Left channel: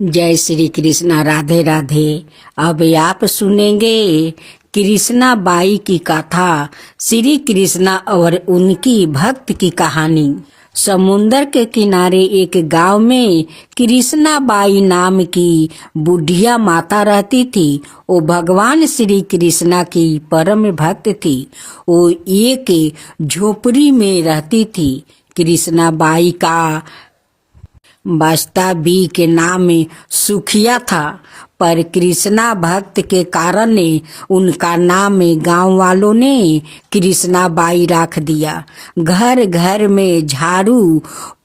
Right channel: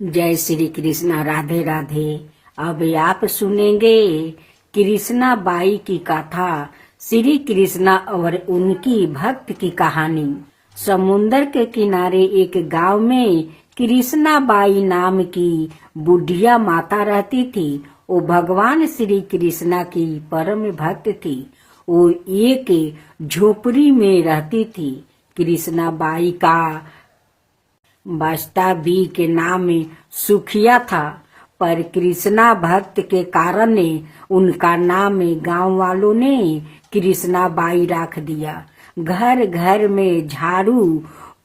जय श्री कृष्णा। राधे राधे। अब आप सुनेंगे कृष्णा बाई की कथा, श्री कृष्णा और उनकी भक्त की कहानी। समुंदर के किनारे एक गांव में कृष्णा बाई नाम की बुढ़िया माता रहती थी। वो भगवान श्री कृष्णा की परम भक्त थी। वो एक झोपड़ी में रहती थी। कृष्णा बाई का वास्तविक नाम सुखिया था, पर कृष्णा भक्त के कारण उनका नाम गांव वालों ने कृष्णा बाई रख दिया। घर घर में झाड़ू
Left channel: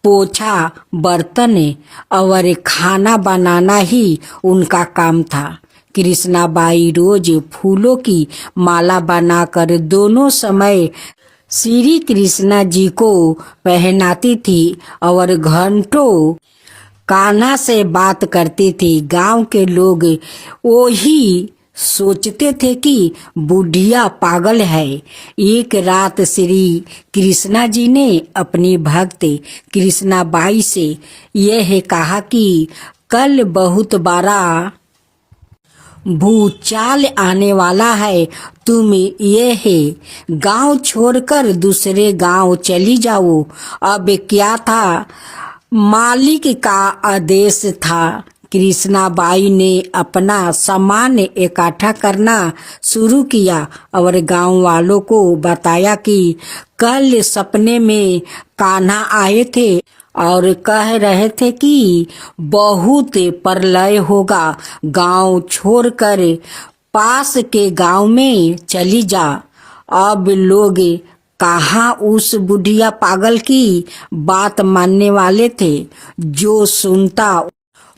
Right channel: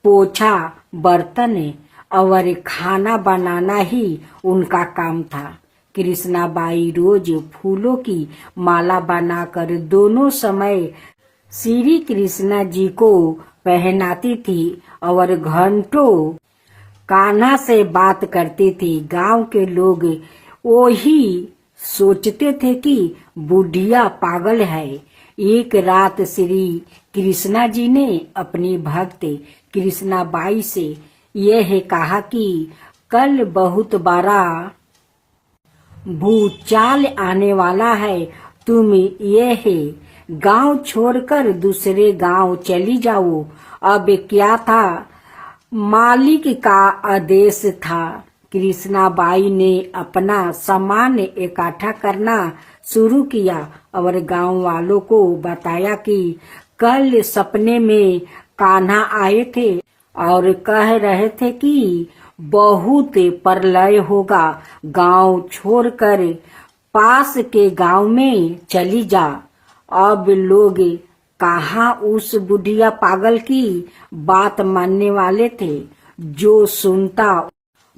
पोछा बर्तन और खाना बनाना ही उनका काम था। कृष्णा बाई रोज फूलों की माला बनाकर दोनों समय श्री कृष्णा जी को पहनाती थी और घंटों कान्हा से बात करती थी। गांव के लोग वही सोचते थे कि बुढ़िया पागल है। एक रात श्री कृष्णा जी ने अपनी भक्त कृष्णा बाई से यह कहा कि कल बहुत बड़ा भूचाल आने वाला है। तुम यह गांव छोड़कर दूसरे गांव चली जाओ। अब क्या था, मालिक का आदेश था। कृष्णा बाई ने अपना सामान इकट्ठा करना शुरू किया और गांव वालों को बताया कि कल सपने में कान्हा आए थे और कह रहे थे कि बहुत प्रलय होगा। गांव छोड़कर पास के गांव में चली जा। अब लोग कहाँ उस बुढ़िया पागल की बात मानने वाले थे। जो सुनता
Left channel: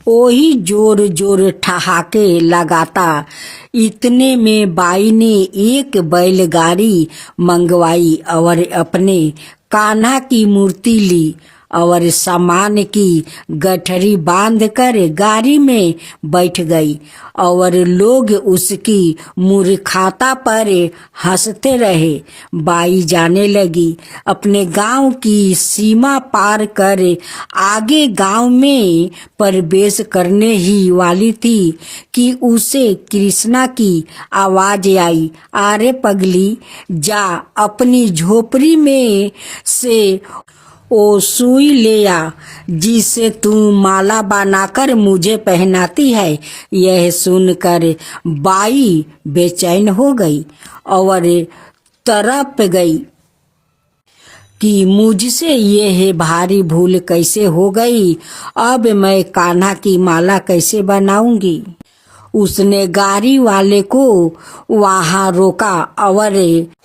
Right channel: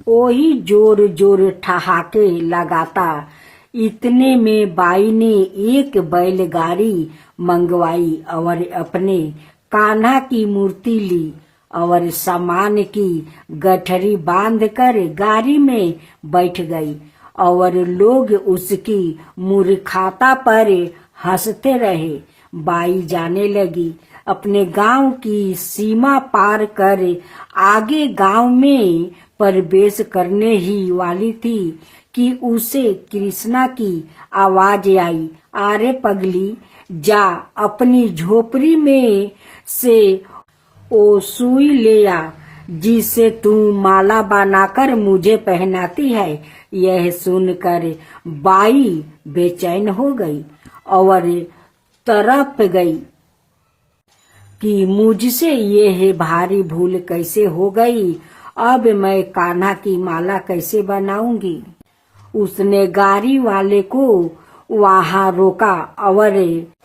वही जोर जोर ठहाके लगाता। इतने में बाई ने एक बैलगाड़ी मंगवाई और अपने कान्हा की मूर्ति ली और सामान की गठरी बांधकर गाड़ी में बैठ गई और लोग उसकी मूर्खता पर हंसते रहे। बाई जाने लगी। अपने गांव की सीमा पार कर आगे गांव में प्रवेश करने ही वाली थी कि उसे कृष्णा की आवाज आई, अरे पगली, जा अपनी झोपड़ी में से ओ सुई ले आ जिसे तू माला बनाकर मुझे पहनाती है। यह सुनकर बाई बेचैन हो गई और तड़प गई कि मुझसे यह भारी भूल कैसे हो गई। अब मैं कान्हा की माला कैसे बनाऊंगी। उसने गाड़ी वाले को वहां रोका और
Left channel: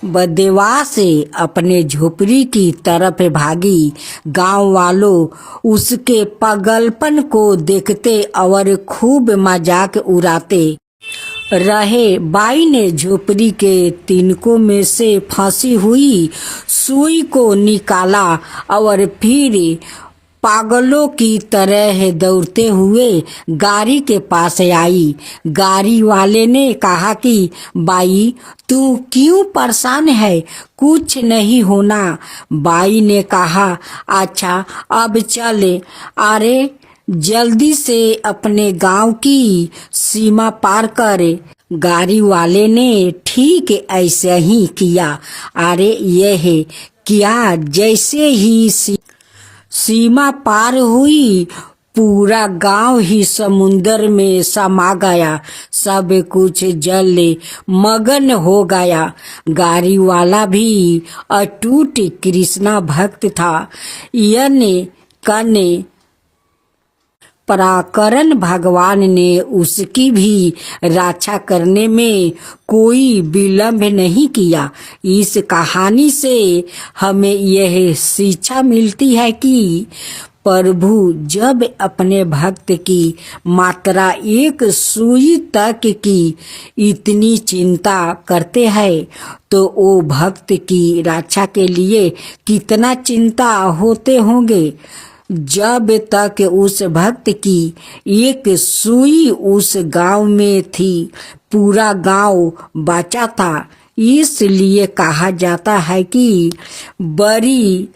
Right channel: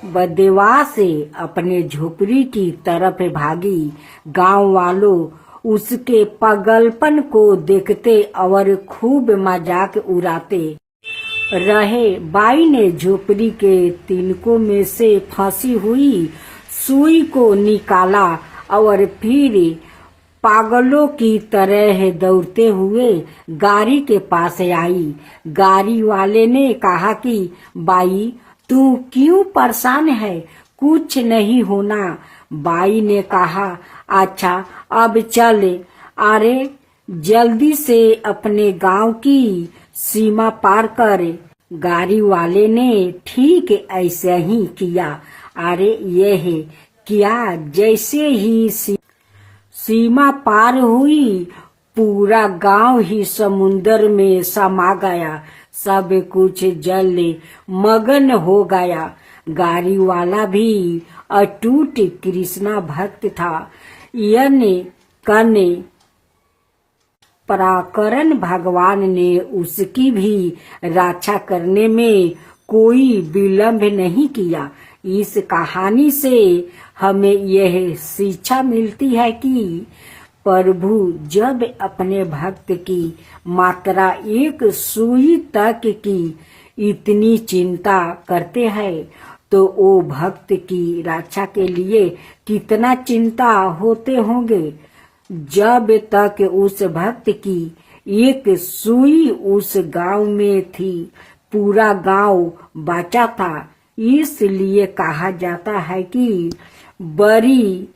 बदवा से अपने झोपड़ी की तरफ भागी। गांव वालों उसके पागलपन को देखते और खूब मजाक उड़ाते रहे। बाई ने झोपड़ी के तिनकों में से फंसी हुई सुई को निकाला और फिर पागलों की तरह दौड़ते हुए गाड़ी के पास आई। गाड़ी वाले ने कहा कि बाई, तू क्यों परेशान है, कुछ नहीं होना। बाई ने कहा, अच्छा अब चले। अरे जल्दी से अपने गांव की सीमा पार कर। गाड़ी वाले ने ठीक ऐसे ही किया। अरे यह क्या, जैसे ही सीमा पार हुई पूरा गांव ही समुंदर में समा गया। सब कुछ जल मगन हो गया। गाड़ी वाला भी अटूट कृष्णा भक्त था। यने कने पराकरण भगवान ने उसकी भी रक्षा करने में कोई विलंब नहीं किया। इस कहानी से हमें यह शिक्षा मिलती है कि प्रभु जब अपने भक्त की मात्रा एक सुई तक की इतनी चिंता करते हैं तो वो भक्त की रक्षा के लिए कितना चिंता होते होंगे। जब तक उस भक्त की एक सुई उस गांव में थी पूरा गांव बचा था। इसलिए कहा जाता है कि बड़ी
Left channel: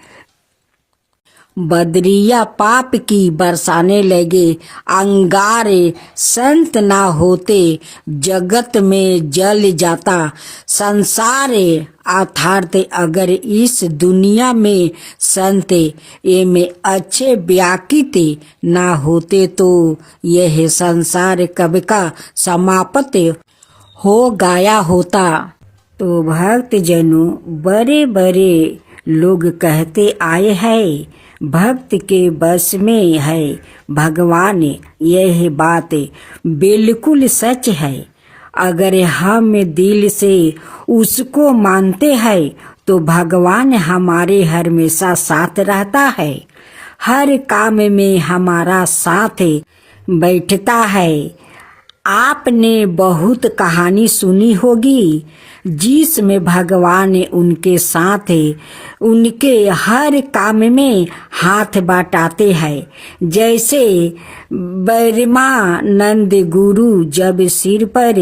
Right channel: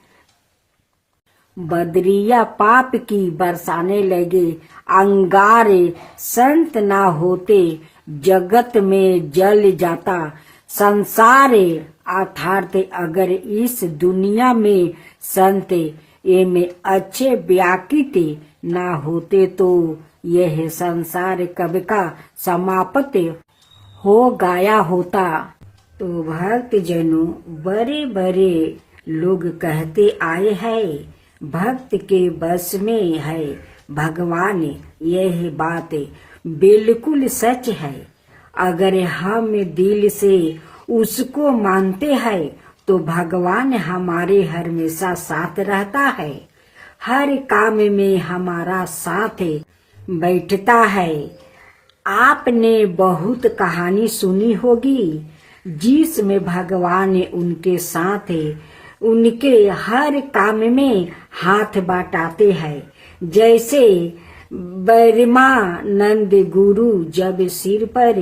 बदरिया पाप की बरसाने लगे, अंगारे संत ना होते, जगत में जल जाता संसार अर्थात अगर इस दुनिया में संत ये में अच्छे व्याकित ना होते तो यह संसार कब का समाप्त हो गया होता। तो भक्त जनों, बड़े बड़े लोग कहते आए हैं भक्त के बस में है भगवान, यह बात बिल्कुल सच है। अगर हम दिल से उसको मानते हैं तो भगवान हमारे हमेशा साथ रहता है, हर काम में हमारा साथ बैठता है। आपने बहुत कहानी सुनी होगी जिसमें भगवान उनके साथ उनके हर काम में हाथ बटाते हैं। जैसे ब्रह्मानंद गुरु जब सिर पर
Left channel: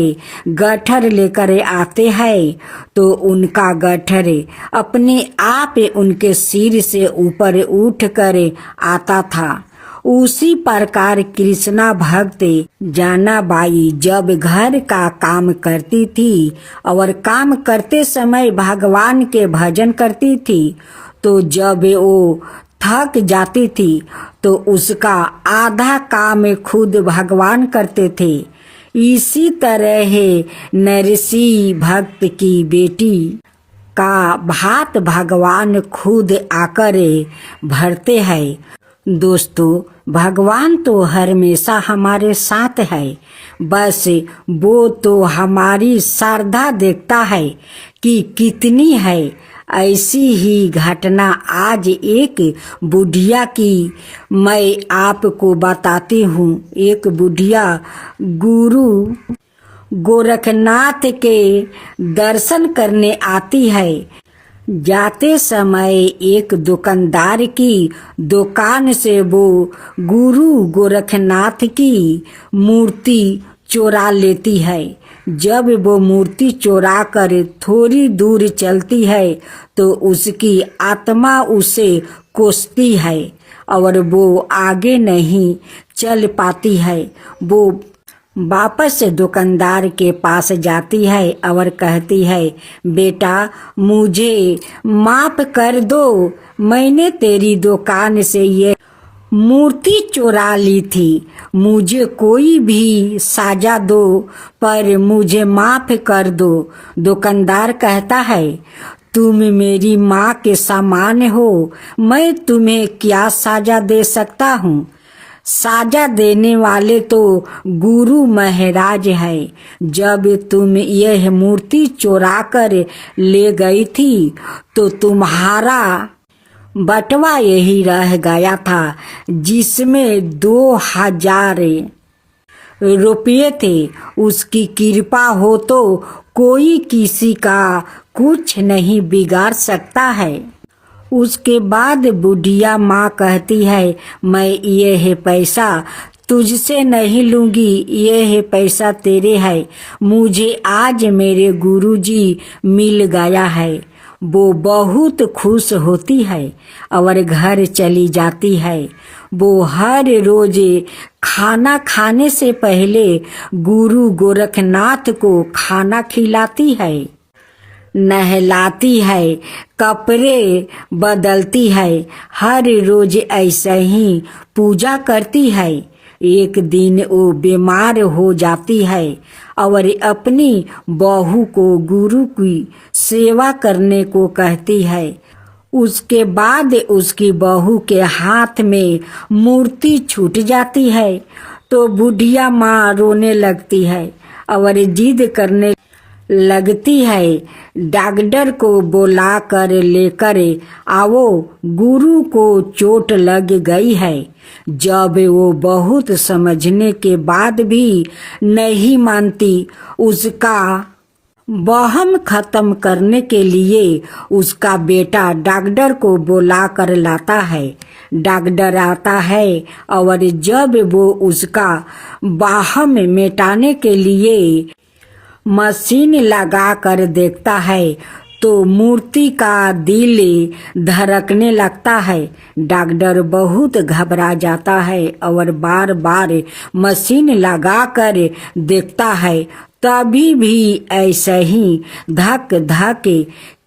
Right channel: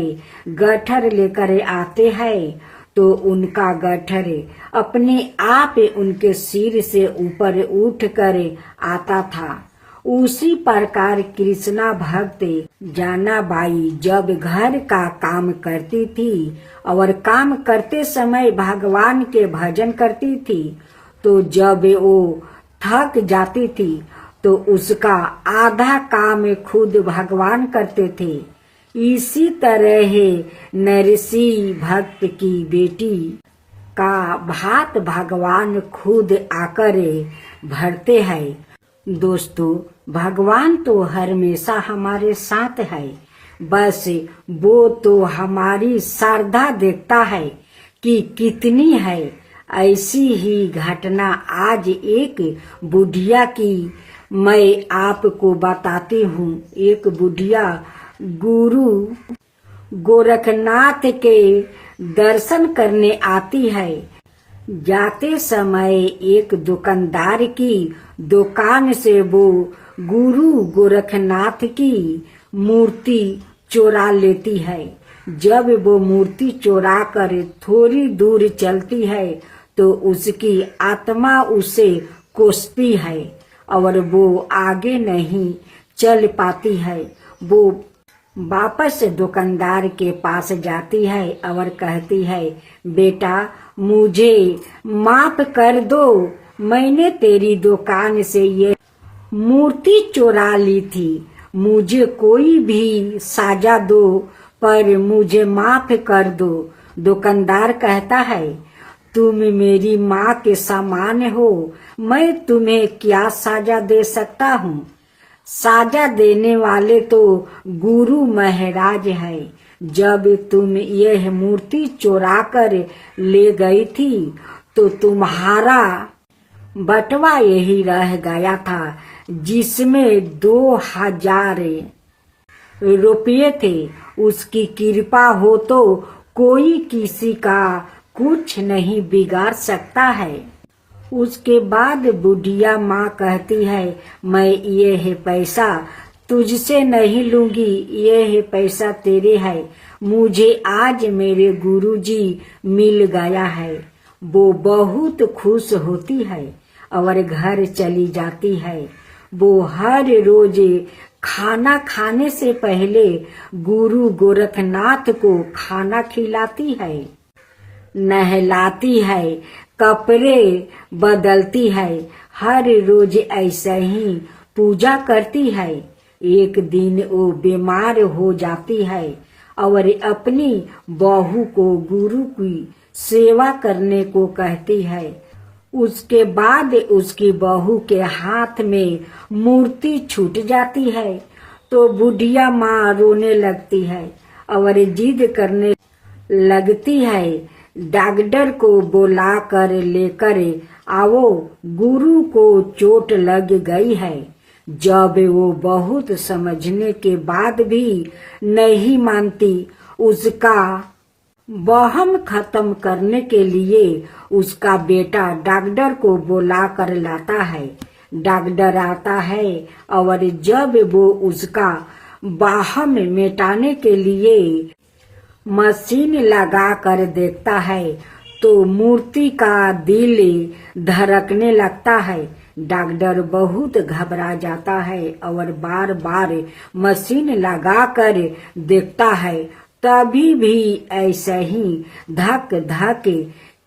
गठर लेकर आते हैं तो उनका गठर अपने आप उनके सिर से ऊपर उठ कर आता था। उसी प्रकार कृष्णा भक्त जानाबाई जब घर का काम करती थी और काम करते समय भगवान के भजन करती थी, तो जब वो थक जाती थी तो उसका आधा काम खुद भगवान करते थे। इसी तरह नरसी भक्त की बेटी का भात भगवान खुद आकर भरते हैं। दोस्तों, भगवान तो हमेशा हमारे साथ है, बस वो तो हमारी श्रद्धा देखता है कि कितनी है। ऐसी ही घटना आज एक बुढ़िया की मैं आपको बताती हूँ। एक बुढ़िया गुरु गोरखनाथ के दर्शन करने आती है। जाते समय एक दुकानदार की दुकान से वो गुरु गोरखनाथ की मूर्ति चुरा लेती है। जब वो मूर्ति चुरा कर थोड़ी दूर चलती है तो उसकी आत्मा उसे कोसती है और वो आगे नहीं चल पाती है। वो वापस दुकानदार के पास जाती है और कहती है, बेटा मुझे माफ कर दो, मैंने तेरी दुकान से ये मूर्ति चुरा ली थी, मुझे कोई भी सजा दो पर मुझे माफ कर दो। दुकानदार कहता है, तुम मेरी माँ के समान हो, मैं तुम्हें क्या सजा दे सकता हूँ। साजा देने वाले तो गुरु महाराज है। जब तुम यह मूर्ति चुरा कर ले गई थी तो तुम्हारा बटवा यही रह गया था जिसमें 2000 रुपये थे। उसकी कृपा हो तो कोई किसी का कुछ नहीं बिगाड़ सकता है। उसके बाद बुढ़िया माँ कहती है, मैं ये पैसा तुझसे नहीं लूंगी, ये पैसा तेरे है, मुझे आज मेरे गुरुजी मिल गया है। वो बहुत खुश होती है और घर चली जाती है। वो हर रोज खाना खाने से पहले गुरु गोरखनाथ को खाना खिलाती है, नहलाती है, कपड़े बदलती है, हर रोज ऐसे ही पूजा करती है। एक दिन वो बीमार हो जाती है और अपनी बहू को गुरु की सेवा करने को कहती है। उसके बाद उसकी बहू के हाथ में मूर्ति छूट जाती है तो बुढ़िया माँ रोने लगती है और जिद करने लगती है, डॉक्टर को बुला कर लेकर आओ, गुरु को चोट लग गई है। जब वो बहुत समझने के बाद भी नहीं मानती, उसका वहम खत्म करने के लिए उसका बेटा डॉक्टर को बुला कर लाता है। डॉक्टर आता है और जब वो उसका वहम मिटाने के लिए मशीन लगा कर देखता है तो मूर्ति का दिल धड़कने लगता है। डॉक्टर बहुत घबरा जाता है और बार बार मशीन लगाकर देखता है, तभी भी ऐसे ही धक धक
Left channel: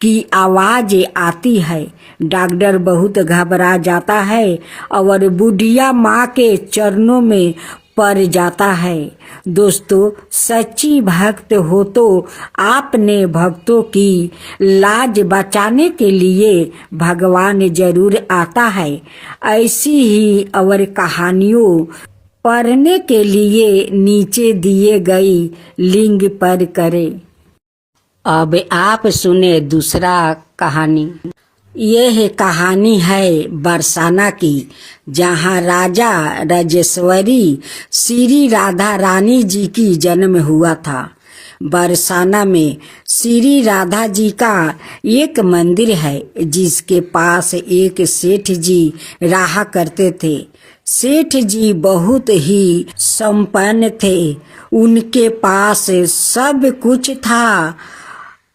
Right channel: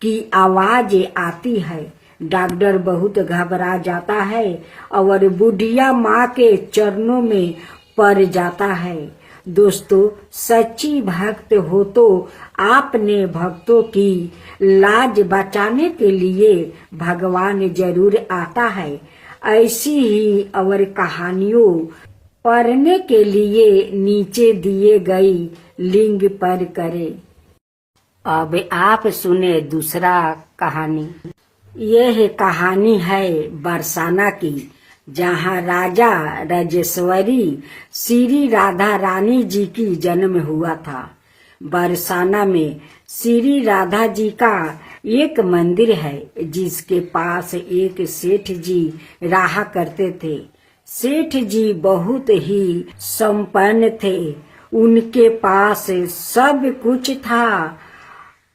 की आवाज आती है। डॉक्टर बहुत घबरा जाता है और बुढ़िया माँ के चरणों में पड़ जाता है। दोस्तों, सच्ची भक्त हो तो आपने भक्तों की लाज बचाने के लिए भगवान जरूर आता है। ऐसी ही और कहानियों पढ़ने के लिए नीचे दिए गई लिंक पर करें। अब आप सुने दूसरा कहानी। यह कहानी है बरसाना की, जहाँ राजा राजेश्वरी श्री राधा रानी जी की जन्म हुआ था। बरसाना में श्री राधा जी का एक मंदिर है, जिसके पास एक सेठ जी रहा करते थे। सेठ जी बहुत ही संपन्न थे। उनके पास सब कुछ था,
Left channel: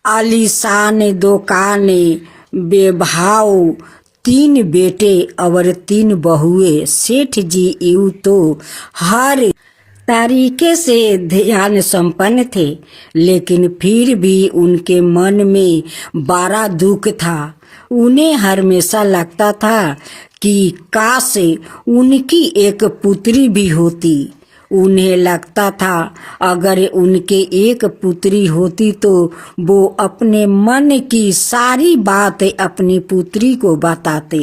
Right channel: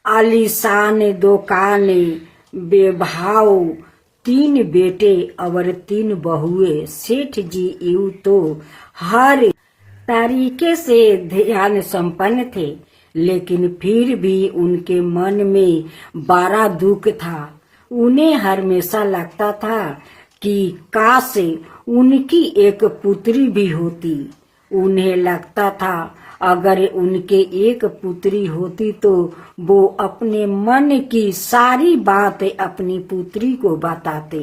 आलीशान दुकान, बेभाव 3 बेटे और 3 बहुएं। सेठ जी यूं तो हर तरीके से ध्यान संपन्न थे, लेकिन फिर भी उनके मन में बड़ा दुख था। उन्हें हमेशा लगता था कि काश उनकी एक पुत्री भी होती। उन्हें लगता था अगर उनके एक पुत्री होती तो वो अपने मन की सारी बात अपनी पुत्री को बताते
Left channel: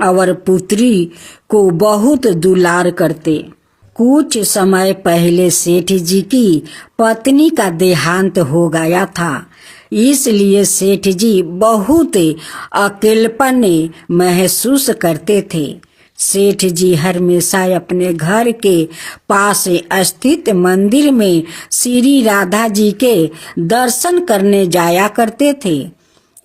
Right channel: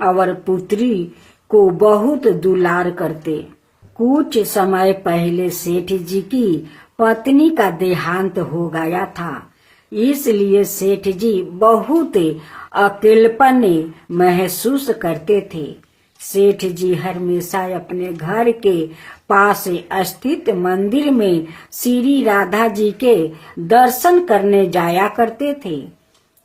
और पुत्री को बहुत दुलार करते। कुछ समय पहले सेठ जी की पत्नी का देहांत हो गया था, इसलिए सेठ जी बहुत अकेलापन महसूस करते थे। सेठ जी हमेशा अपने घर के पास स्थित मंदिर में श्री राधा जी के दर्शन करने जाया करते थे।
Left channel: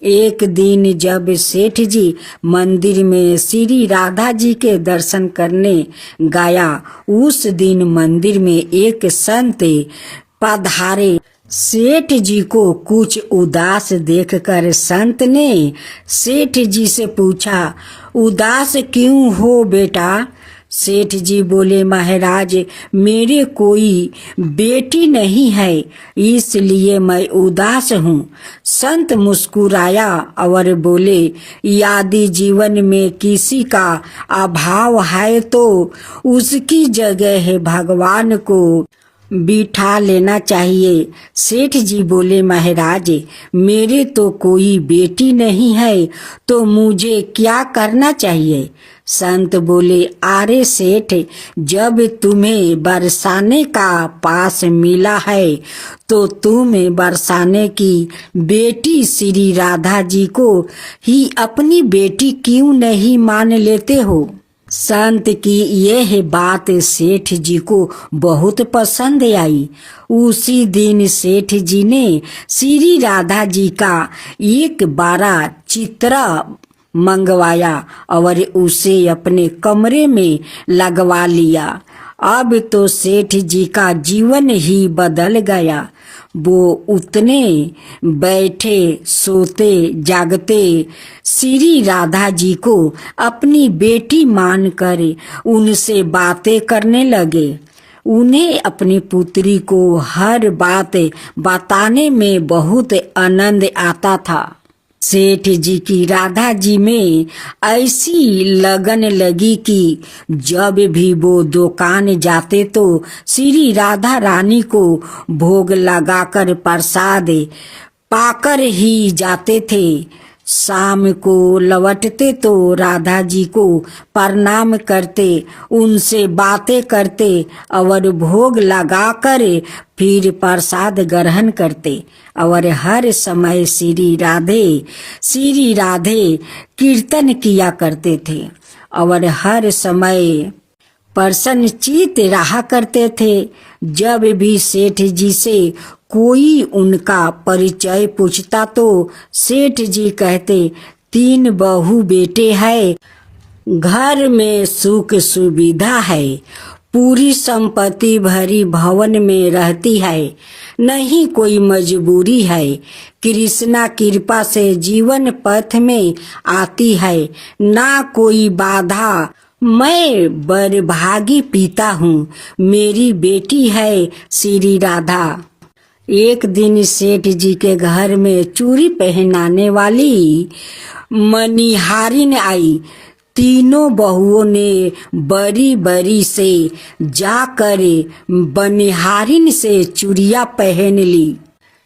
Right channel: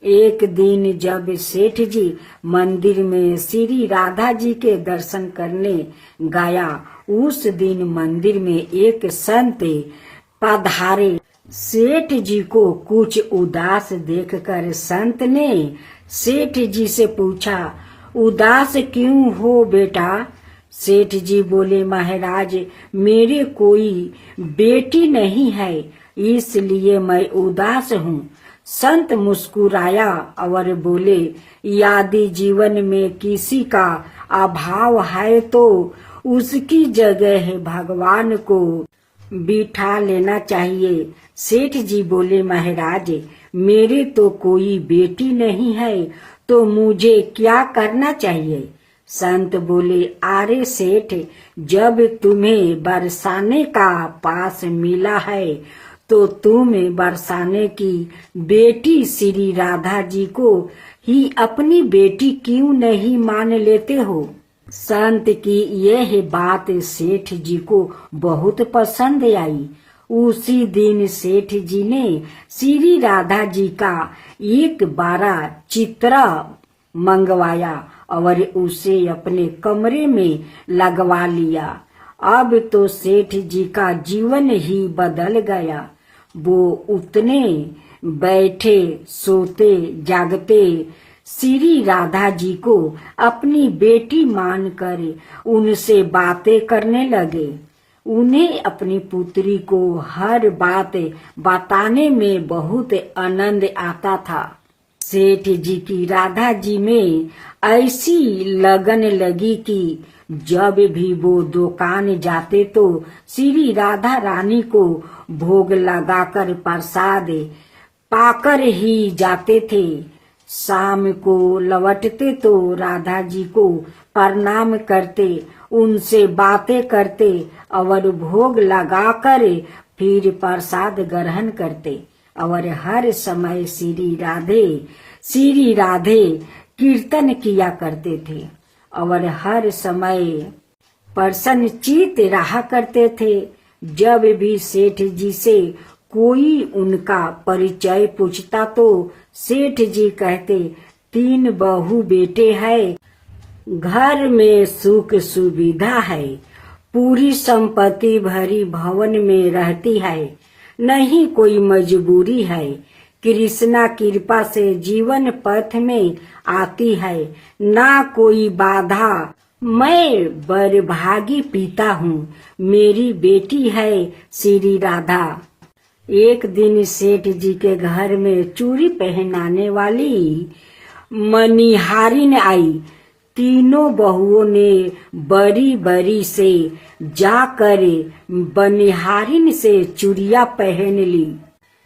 एक दिन जब सेठ जी मंदिर में श्री राधा जी के दर्शन करने गया, उस दिन मंदिर में एक संत पधारे। सेठ जी को कुछ उदास देखकर संत ने सेठ जी से पूछा, उदास क्यों हो बेटा? सेठ जी बोले, महाराज, मेरे कोई बेटी नहीं है, इसलिए मैं उदास हूँ। संत मुस्कुराया और बोले, यदि जीवन में किसी का अभाव है तो उसकी जगह भगवान को बिठा लेना चाहिए। सेठ जी बोले, महाराज, मेरे तो कोई बेटी नहीं है, तो मुझे क्या करना चाहिए? संत बोले, अरे सेठ, जब तुम्हें बरसाने का पास मिला है तो तुम बरसाने की बेटी श्री राधा जी को ही अपनी बेटी क्यों नहीं मान लेते हो? संत की यह बात सेठ जी को बहुत पसंद आई। उसी दिन सेठ जी ने श्री राधा जी का एक बड़ा चित्र मंगवाया और उसे अपने कमरे में लगवा लिया। अब तो सेठ जी का जीवन ही बदल गया। वो उतने बैठे सोते जागते श्री राधा जी को अपनी बेटी मानकर उनसे बातें करने लगे। उन्हें अपनी पुत्री को हर बात बताने में बहुत आनंद आता था। सेठ जी की राधा जी में ऐसी लगन लगी कि जब भी वो दुकान जाते तो श्री राधा रानी को भोग लगाकर प्रसाद पाकर ही जाते थे। शाम को लौटते तो राधा जी को प्रणाम करते, उनसे बातें करते और भोग लगाकर फिर प्रसाद ग्रहण करते और हर समय श्री राधे कीर्तन किया करते थे और हर समय प्रसन्नचित्त रहा करते थे। जब भी सेठ जी से कोई उनका परिचय पूछता तो सेठ जी कहते, 3 बहू बेटे हैं, घर में सुख सुविधा है, पूरी संपत्ति भरी भवन में रहती है, नहीं कोई मजबूरी है। कृष्णा कृपा से जीवन पथ में आती है, ना कोई बाधा। मैं बड़भागी पिता हूँ, मेरी बेटी है श्री राधा। एक दिन सेठ जी के घर में चूड़ी पहनाने वाली मनिहारिन आई। तीनों बहुओं ने बड़ी बड़ी से जाकर बनिहारिन से चूड़ियाँ पहन ली।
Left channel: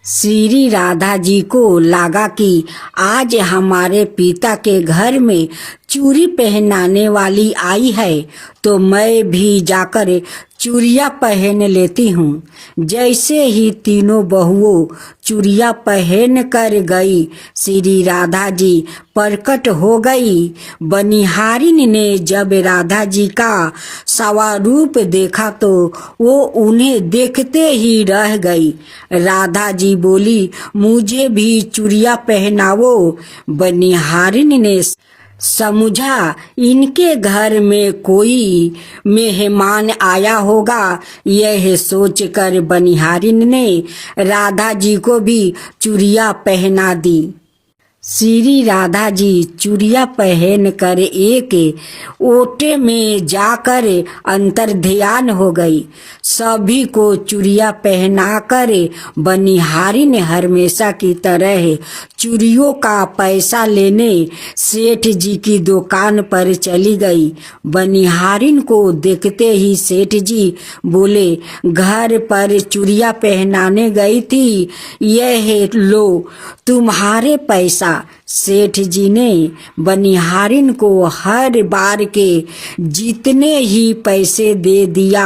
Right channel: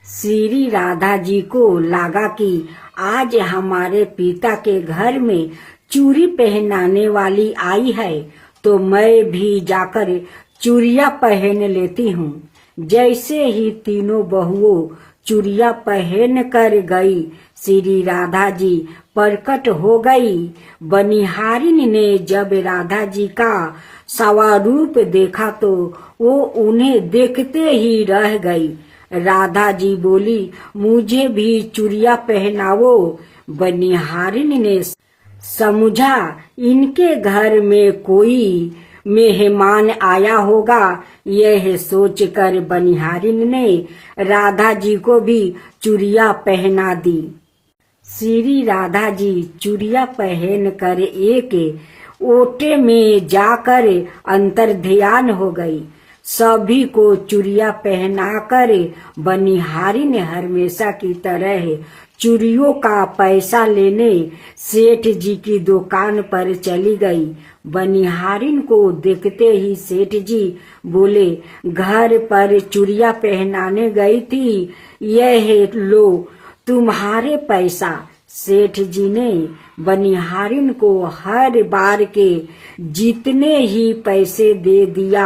श्री राधा जी को लगा कि आज हमारे पिता के घर में चूड़ी पहनाने वाली आई है, तो मैं भी जाकर चूड़ियाँ पहन लेती हूँ। जैसे ही तीनों बहुओं चूड़ियाँ पहन कर गई, श्री राधा जी प्रकट हो गई। बनिहारिन ने जब राधा जी का स्वरूप देखा तो वो उन्हें देखते ही रह गई। राधा जी बोली, मुझे भी चूड़ियाँ पहनाओ। बनिहारिन ने समझा इनके घर में कोई मेहमान आया होगा। यह सोचकर बनिहारिन ने राधा जी को भी चूड़ियाँ पहना दी। श्री राधा जी चूड़ियाँ पहन कर एक ओटे में जाकर अंतर ध्यान हो गई। सभी को चूड़ियाँ पहनाकर बनिहारिन हमेशा की तरह चूड़ियों का पैसा लेने सेठ जी की दुकान पर चली गई। बनिहारिन को देखते ही सेठ जी बोले, घर पर चूड़ियाँ पहनाने गई थी, यह लो तुम्हारे पैसा। सेठ जी ने बनिहारिन को हर बार के जितने ही पैसे दे दिया।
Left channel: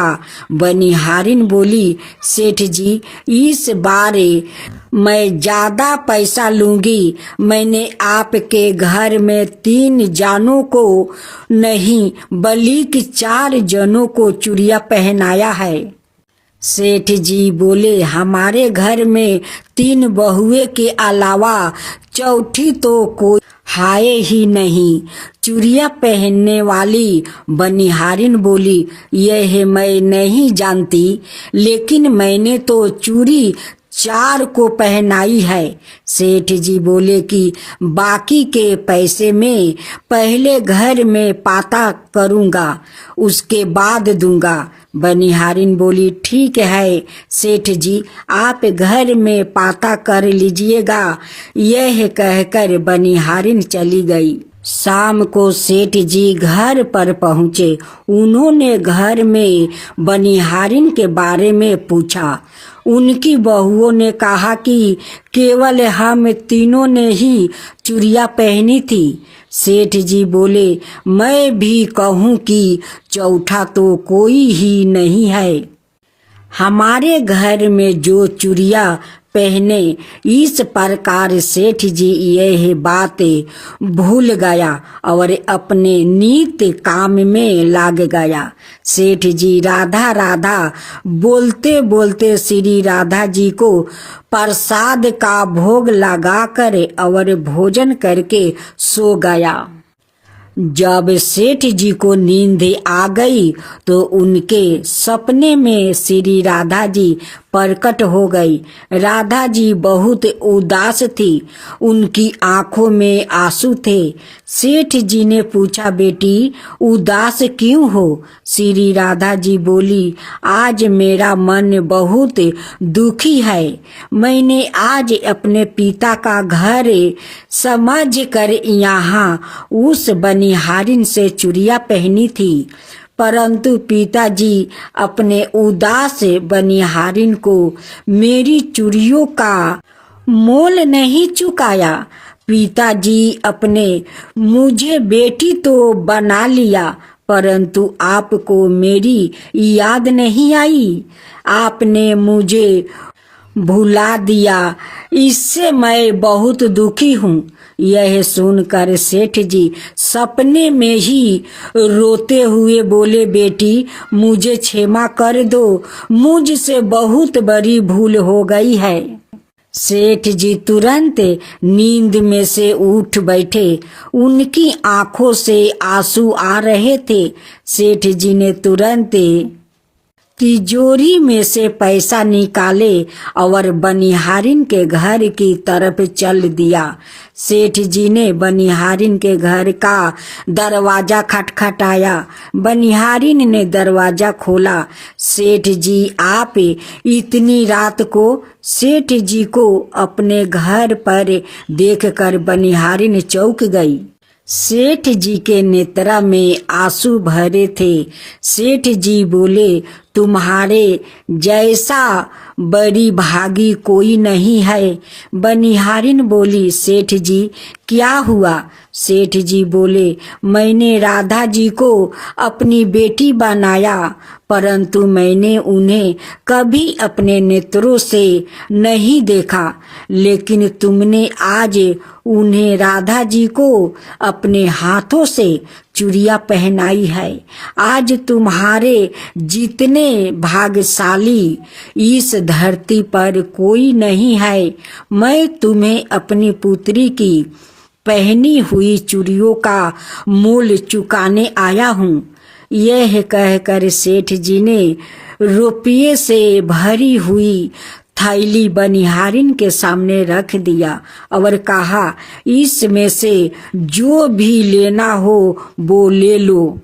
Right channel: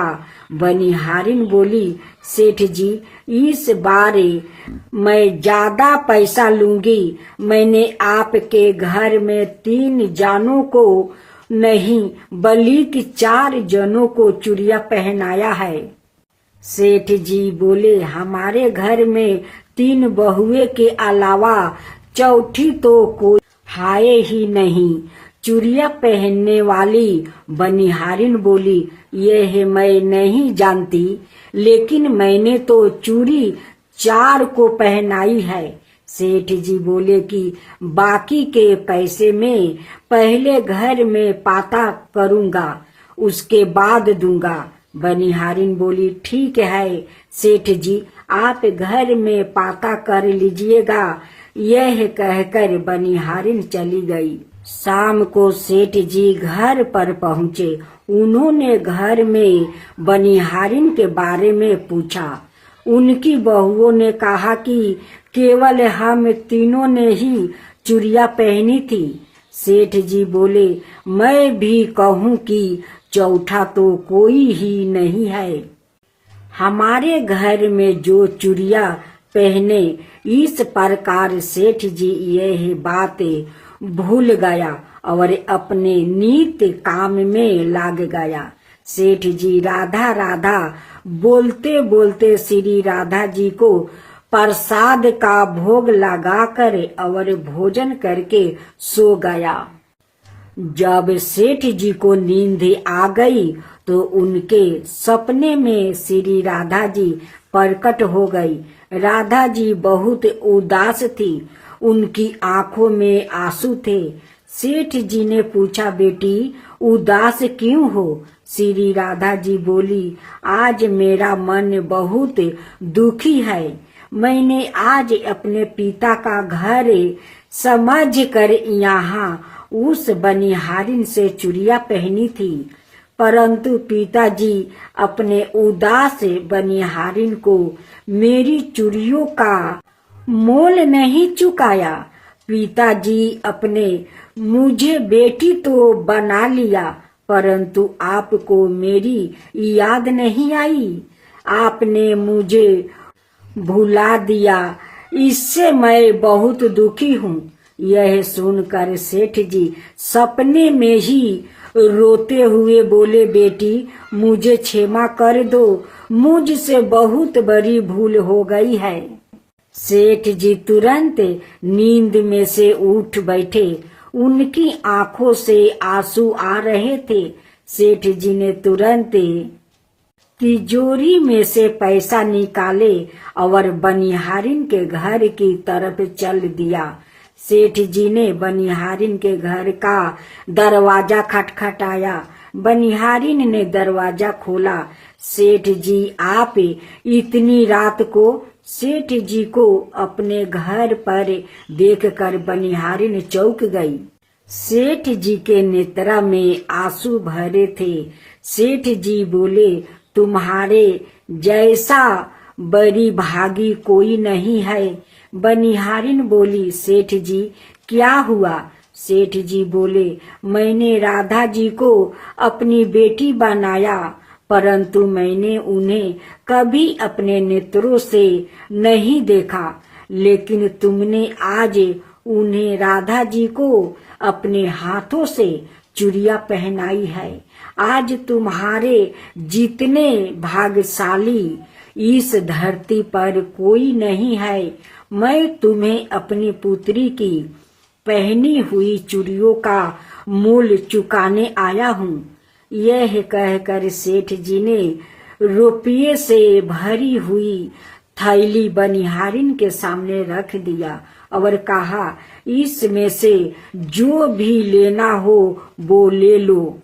बनिहारिन बोली, सेठ जी इस बार मैं ज्यादा पैसा लूंगी। मैंने आपके घर में 3 जानों को नहीं बल्कि 4 जनों को चूड़ियाँ पहनाया है। सेठ जी बोले, हमारे घर में 3 बहुए के अलावा चौथी तो कोई हाय ही नहीं। चूड़ियाँ पहनने वाली बनिहारिन बोली, यह मैं नहीं जानती, लेकिन मैंने तो चूड़ी 4 को पहनाई है। सेठ जी बोले कि बाकी के पैसे में पहले घर में पता करूँगा, उसके बाद दूंगा। बनिहारिन बोली, ठीक है सेठ जी, आप घर में पता कर लीजिएगा। यह कहकर बनिहारिन चली गई। शाम को सेठ जी घर पर पहुँचे। उन्होंने घर में बनिहारिन के बारे में पूछा। उनकी बहुओं ने कहा कि केवल हम तीनों ने ही चूड़ियाँ पहनी थी। सेठ जी बोले, मैं भी कहूँ कि चौथा तो कोई ही नहीं है। हमारे घर में जो चूड़ियाँ पहने, इस प्रकार सेठ जी यह बात भूल गया और अपने नित्य काम में लग गया। सेठ जी राधा राधा बोलते बोलते श्री राधा जी को प्रसाद का भोग लगाकर और भोजन करके सो गया। जब सेठ जी को नींद आ गई तो उनके सपने में श्री राधा जी प्रकट हो गई। राधा जी बहुत उदास थी, उनकी आंखों में आंसू थे। सेठ जी ने पूछा, बेटी उदास क्यों हो? श्री राधा जी बोली, आज मेरा मन बहुत दुखी है। मैंने आज अपने पिता का घर समझ कर यहाँ उस बनिहारिन से चूड़ियाँ पहनी थी, परंतु पिताजी अपने उदास बनिहारिन को मेरी चूड़ियों का मोल नहीं चुकाया। पिताजी अपने मुझे बेटी तो बना लिया, परंतु आपको मेरी याद नहीं आई। आपने मुझे भुला दिया, इससे मैं बहुत दुखी हूँ। यह सुनकर सेठ जी सपने में ही रोते हुए बोले, बेटी मुझे क्षमा कर दो, मुझसे बहुत बड़ी भूल हो गई है। सेठ जी तुरंत नींद में से उठ बैठे। उनकी आंखों से आंसू आ रहे थे। सेठ जी ने तुरंत तिजोरी में से पैसा निकाले और बनिहारिन के घर की तरफ चल दिया। सेठ जी ने बनिहारिन के घर का दरवाजा खटखटाया। बनिहारिन ने दरवाजा खोला। सेठ जी, आप इतनी रात को? सेठ जी को अपने घर पर देखकर बनिहारिन चौंक गई। सेठ जी के नेत्रा में आंसू भरे थे। सेठ जी बोले, तुम्हारे जैसा बड़ी भागी कोई नहीं है। बनिहारिन बोली, सेठ जी क्या हुआ? सेठ जी बोले, मैंने राधा जी को अपनी बेटी बनाया, परंतु मैंने उन्हें कभी अपने नेत्रों से नहीं देखा, लेकिन तुमने आज उन्हें राधा जी को अपने हाथों से चूड़ियां पहनाई है। आज तुम्हारे जितने भाग्यशाली इस धरती पर कोई नहीं है। मैं तुम्हें अपनी पुत्री की पहनी हुई चूड़ियों का मूल्य चुकाने आया हूँ। यह कहकर सेठ जी ने रुपये से भरी हुई थैली बनिहारिन के सामने रख दिया और कहा, इसमें से जो भी लेना हो वो ले लो।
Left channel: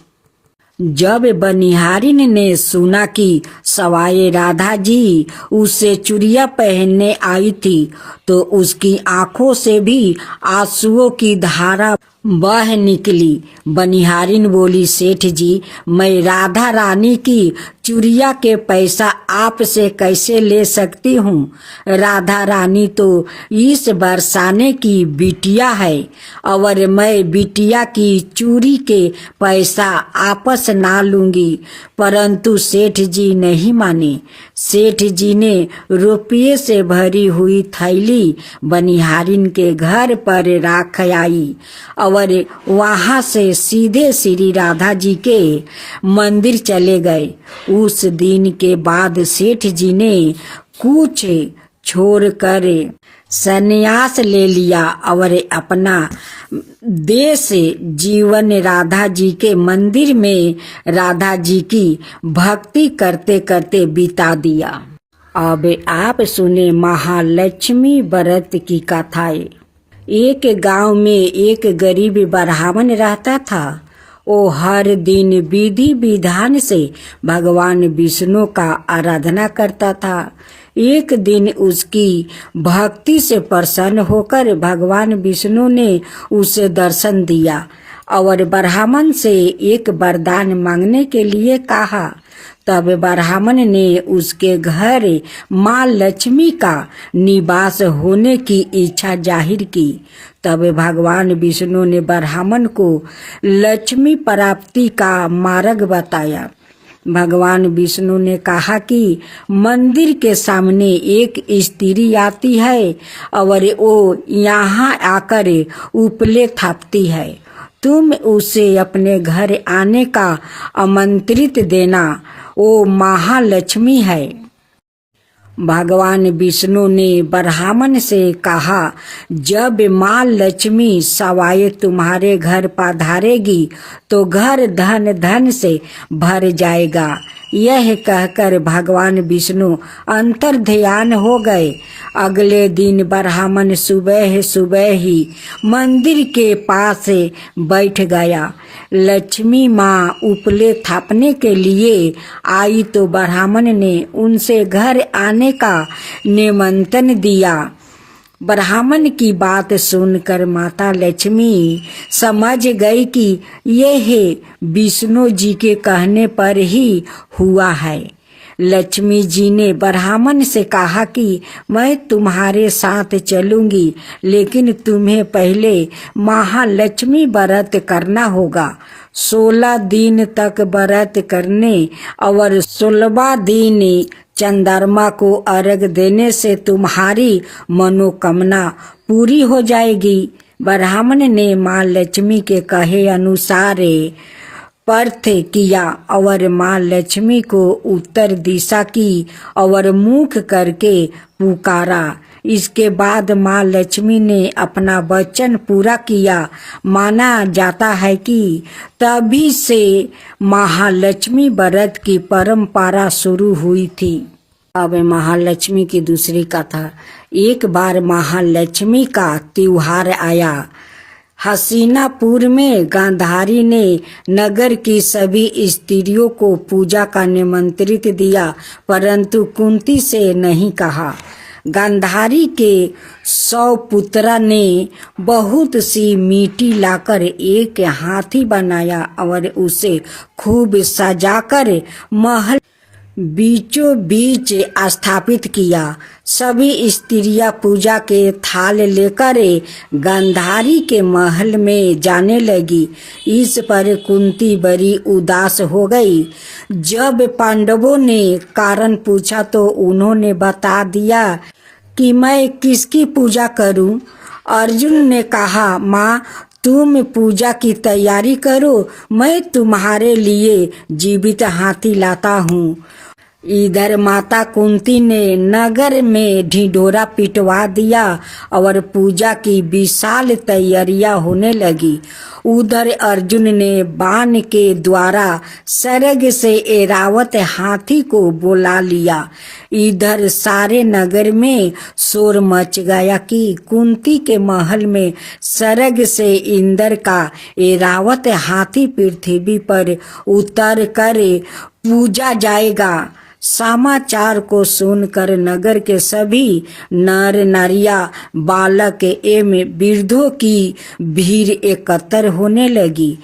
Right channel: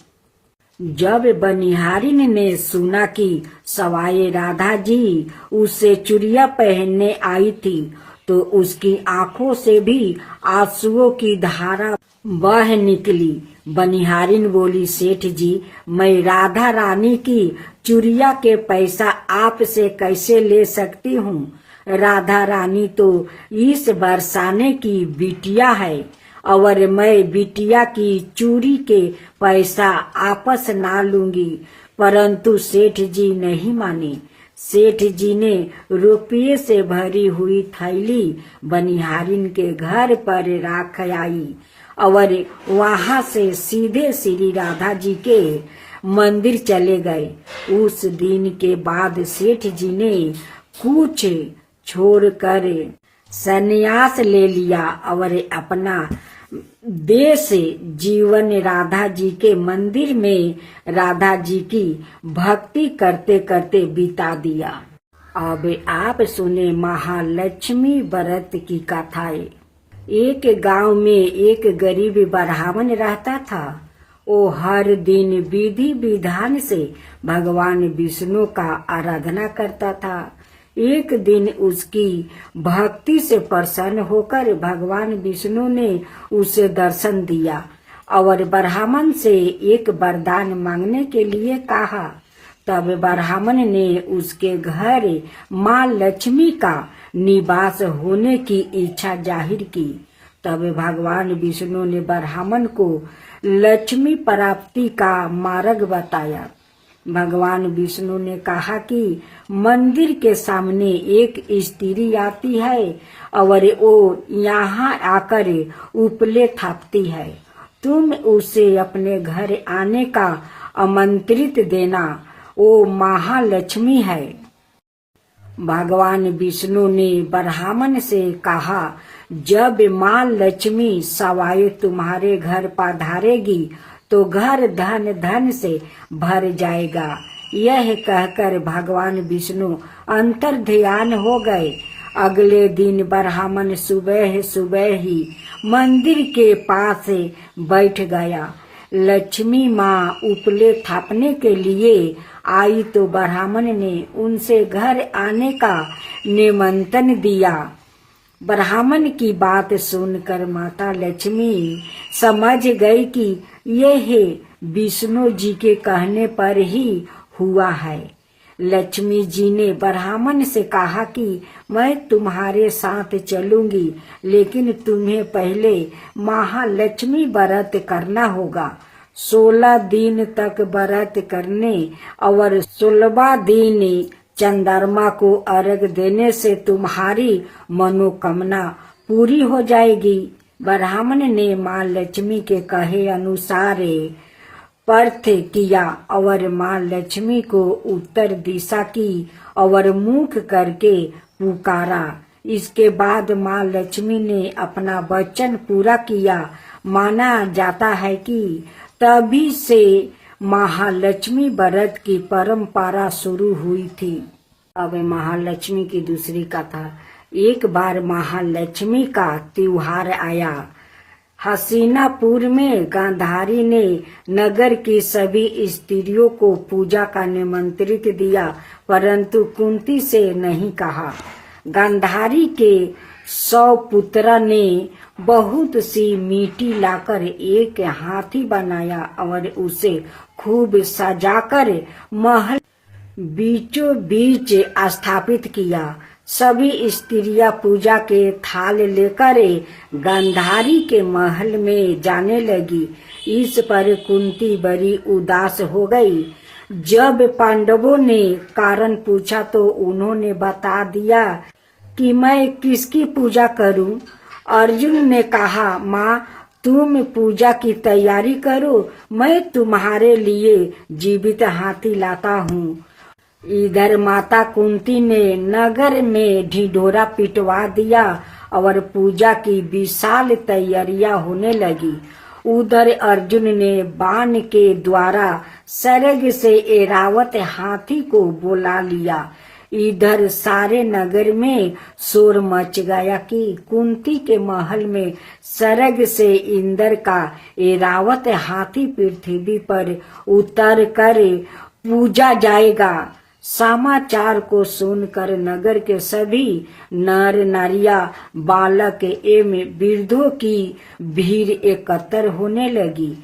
जब बनिहारिन ने सुना कि सवाए राधा जी उसे चूड़ियां पहनने आई थी, तो उसकी आंखों से भी आंसुओं की धारा बह निकली। बनिहारिन बोली, सेठ जी, मैं राधा रानी की चूड़िया के पैसा आपसे कैसे ले सकती हूँ? राधा रानी तो इस बरसाने की बिटिया है और मैं बिटिया की चूड़ी के पैसा आपस ना लूंगी। परंतु सेठ जी नहीं माने। सेठ जी ने रुपये से भरी हुई थैली बनिहारिन के घर पर रख आई और वहां से सीधे श्री राधा जी के मंदिर चले गए। उस दिन के बाद सेठ जी ने कुछ छोड़कर संन्यास ले लिया और अपना देश जीवन राधा जी के मंदिर में राधा जी की भक्ति करते करते बिता दिया। अब आप सुने महालक्ष्मी व्रत की कथाएं। एक गांव में एक गरीब ब्राह्मण रहता था। वो हर दिन विधि विधान से भगवान विष्णु का आराधना करता था। एक दिन उसकी भक्ति से प्रसन्न होकर भगवान विष्णु ने उसे दर्शन दिया और ब्राह्मण से एक वरदान मांगने के लिए कहा। तब ब्राह्मण ने उसके घर माँ लक्ष्मी का निवास होने की इच्छा जाहिर की। तब भगवान विष्णु ने ब्राह्मण को लक्ष्मी प्राप्ति का मार्ग बताया। भगवान विष्णु ने कहा कि मंदिर के सामने एक स्त्री आती है और वो यहाँ आकर उपले थापती है। तुम उसे अपने घर आने का आमंत्रित देना, वो महालक्ष्मी है। भगवान विष्णु ने ब्राह्मण से कहा, जब माँ लक्ष्मी सवाए तुम्हारे घर पधारेगी तो घर धन धन से भर जाएगा। यह कहकर भगवान विष्णु अंतर ध्यान हो गए। अगले दिन ब्राह्मण सुबह सुबह ही मंदिर के पास बैठ गया। लक्ष्मी माँ उपले थापने के लिए आई तो ब्राह्मण ने उनसे घर आने का निमंत्रण दिया। ब्राह्मण की बात सुनकर माता लक्ष्मी समझ गई कि यह विष्णु जी के कहने पर ही हुआ है। लक्ष्मी जी ने ब्राह्मण से कहा कि मैं तुम्हारे साथ चलूंगी, लेकिन तुम्हें पहले महालक्ष्मी व्रत करना होगा। 16 दिन तक व्रत करने और 16वां दिन चंद्रमा को अर्घ देने से तुम्हारी मनोकामना पूरी हो जाएगी। ब्राह्मण ने माँ लक्ष्मी के कहे अनुसार पर्थ किया और माँ लक्ष्मी को उत्तर दिशा की और मुख करके पुकारा, इसके बाद माँ लक्ष्मी ने अपना वचन पूरा किया। माना जाता है कि तभी से महालक्ष्मी व्रत की परंपरा शुरू हुई थी। अब महालक्ष्मी की दूसरी कथा। एक बार महालक्ष्मी का त्योहार आया। हसीनापुर में गांधारी ने नगर की सभी स्त्रियों को पूजा का निमंत्रित दिया, परंतु कुंती से नहीं कहा। गांधारी के 100 पुत्र ने बहुत सी मिट्टी लाकर एक हाथी बनाया और उसे खूब सजाकर महल बीचों बीच स्थापित किया। सभी स्त्रियां पूजा के थाल लेकर गांधारी के महल में जाने लगी। इस पर कुंती बड़ी उदास हो गई। जब पांडवों ने कारण पूछा तो उन्होंने बता दिया कि मैं किसकी पूजा करूं। अर्जुन ने कहा, माँ तुम पूजा की तैयारी करो, मैं तुम्हारे लिए जीवित हाथी लाता हूँ। इधर माता कुंती ने नगर में ढिंढोरा पिटवा दिया और पूजा की विशाल तैयारियां होने लगी। उधर अर्जुन ने बाण के द्वारा सरग से ऐरावत हाथी को बुला लिया। इधर सारे नगर में शोर मच गया कि कुंती के महल में सरग से इंद्र का ऐरावत हाथी पृथ्वी पर उतर कर पूजा जाएगा। समाचार को सुनकर नगर के सभी नर नारियां, बालक एवं वृद्धों की भीड़ एकत्र होने लगी।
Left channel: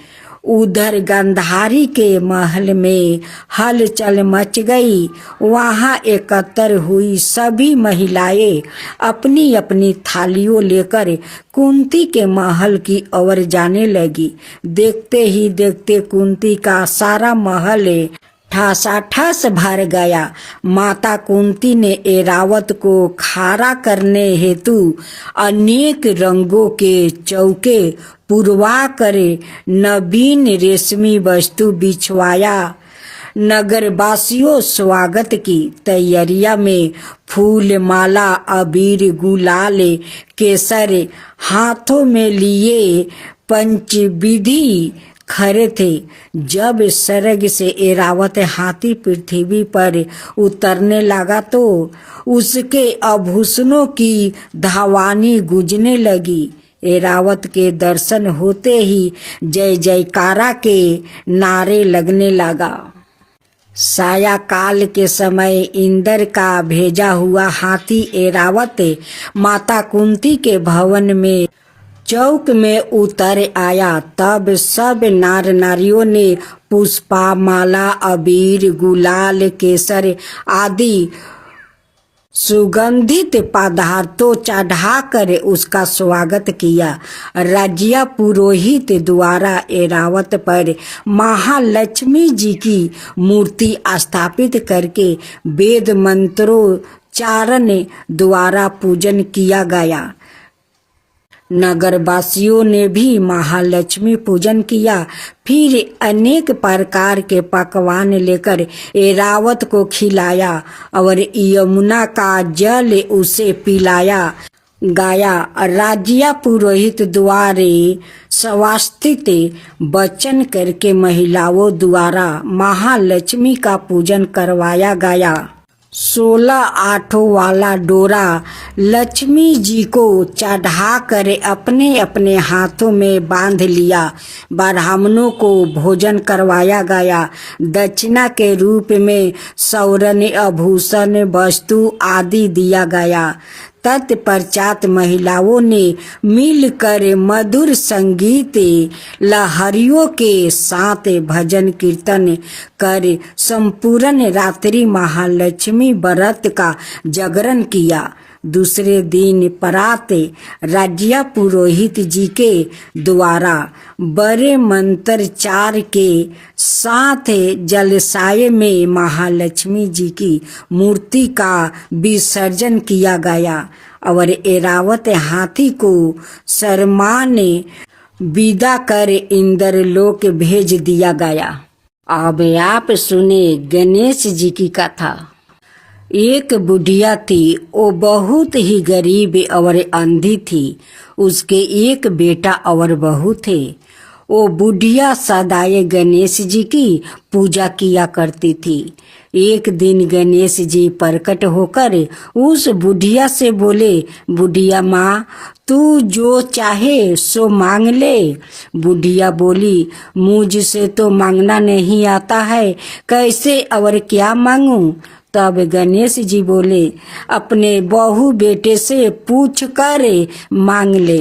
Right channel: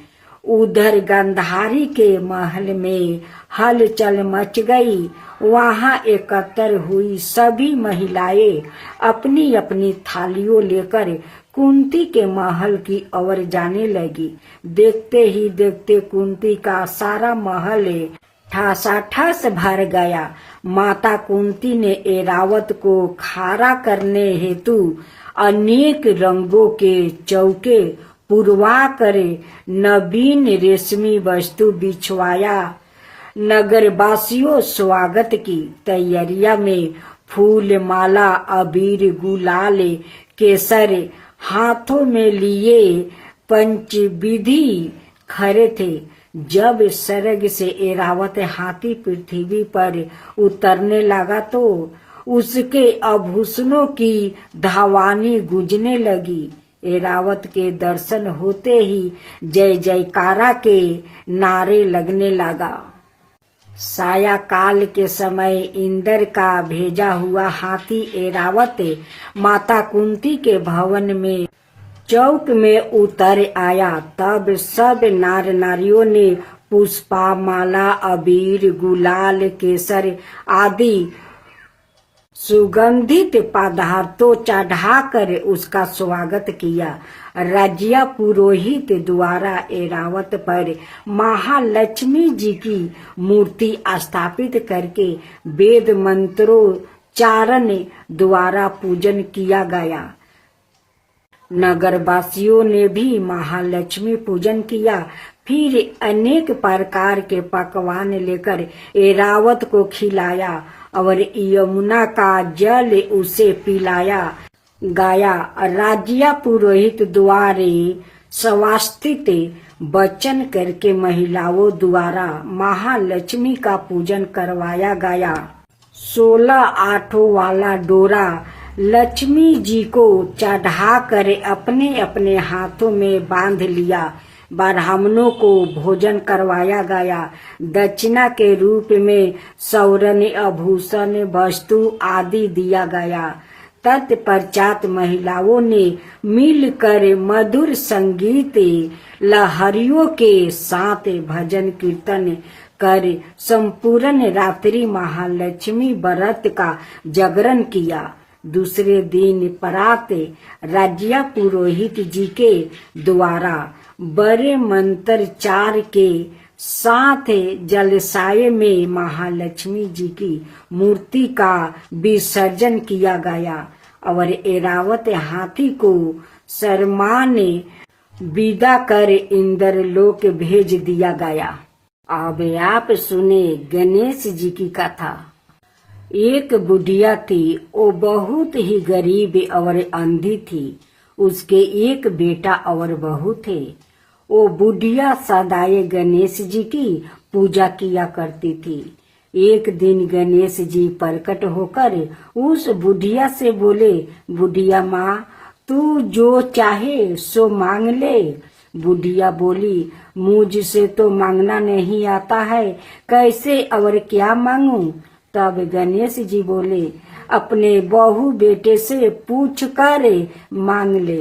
उधर गांधारी के महल में हलचल मच गई। वहां एकत्र हुई सभी महिलाएं अपनी अपनी थालियों लेकर कुंती के महल की ओर जाने लगी। देखते ही देखते कुंती का सारा महल ठासाठास भर गया। माता कुंती ने ऐरावत को खारा करने हेतु अनेक रंगों के चौके पुरवा कर नवीन रेशमी वस्तु बिछवाया। नगरवासियों स्वागत की तैयारियां में फूल माला, अबीर, गुलाल, केसर हाथों में लिए पंचविधि खड़े थे। जब सरग से ऐरावत हाथी पृथ्वी पर उतरने लगा तो उसके आभूषणों की धावानी गूंजने लगी। ऐरावत के दर्शन होते ही जय जयकारा के नारे लगने लगा। सायंकाल के समय इंद्र का भेजा हुआ हाथी ऐरावत माता कुंती के भवन में चौक में उतर आया। तब सब नार नारियों ने पुष्पा, माला, अबीर, गुलाल, केसर आदि सुगंधित पदार्थों चढ़ाकर उसका स्वागत किया। राज्य पुरोहित द्वारा ऐरावत पर महालक्ष्मी जी की मूर्ति स्थापित करके वेद मंत्रोच्चारण द्वारा पूजन किया गया। नगरवासियों ने भी महालक्ष्मी पूजन किया। फिर अनेक प्रकार के पकवान लेकर ऐरावत को खिलाया और यमुना का जल उसे पिलाया गया। राज्य पुरोहित द्वारा स्वास्तित वचन करके महिलाओं द्वारा महालक्ष्मी का पूजन करवाया गया। 16 आठों वाला डोरा लक्ष्मी जी को चढ़ाकर अपने अपने हाथों में बांध लिया। ब्राह्मणों को भोजन करवाया गया। दक्षिणा के रूप में स्वर्ण, आभूषण, वस्तु आदि दिया गया। तत्पश्चात महिलाओं ने मिलकर मधुर संगीत लहरियों के साथ भजन कीर्तन कर संपूर्ण रात्रि महालक्ष्मी व्रत का जागरण किया। दूसरे दिन प्रात राज्य पुरोहित जी के द्वारा बड़े मंत्रोच्चार के साथ जलाशय में महालक्ष्मी जी की मूर्ति का विसर्जन किया गया और ऐरावत हाथी को सम्मान विदा कर इंद्रलोक भेज दिया गया। अब आप सुने गणेश जी की कथा। एक बुढ़िया थी, वो बहुत ही गरीब और अंधी थी। उसके एक बेटा और बहू थे। वो बुढ़िया सदाए गणेश जी की पूजा किया करती थी। एक दिन गणेश जी प्रकट होकर उस बुढ़िया से बोले, बुढ़िया माँ, तू जो चाहे सो मांग ले। बुढ़िया बोली, मुझसे तो मांगना नहीं आता है, कैसे और क्या मांगूं। तब गणेश जी बोले, अपने बहू बेटे से पूछ कर मांग ले।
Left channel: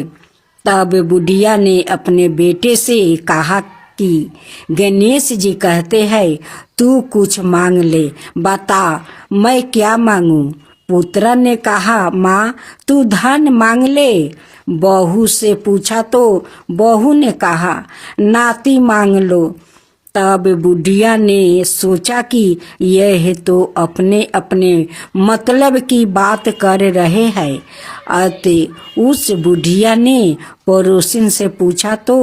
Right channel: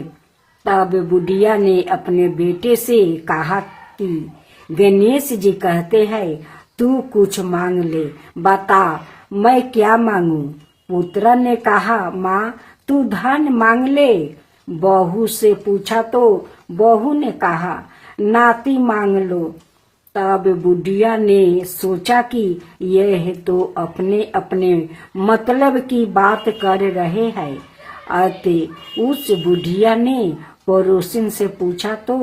तब बुढ़िया ने अपने बेटे से कहा कि गणेश जी कहते हैं, तू कुछ मांग ले, बता मैं क्या मांगू। पुत्र ने कहा, माँ तू धन मांग ले। बहू से पूछा तो बहू ने कहा, नाती मांग लो। तब बुढ़िया ने सोचा कि यह तो अपने अपने मतलब की बात कर रहे हैं। अतः उस बुढ़िया ने पड़ोसिन से पूछा तो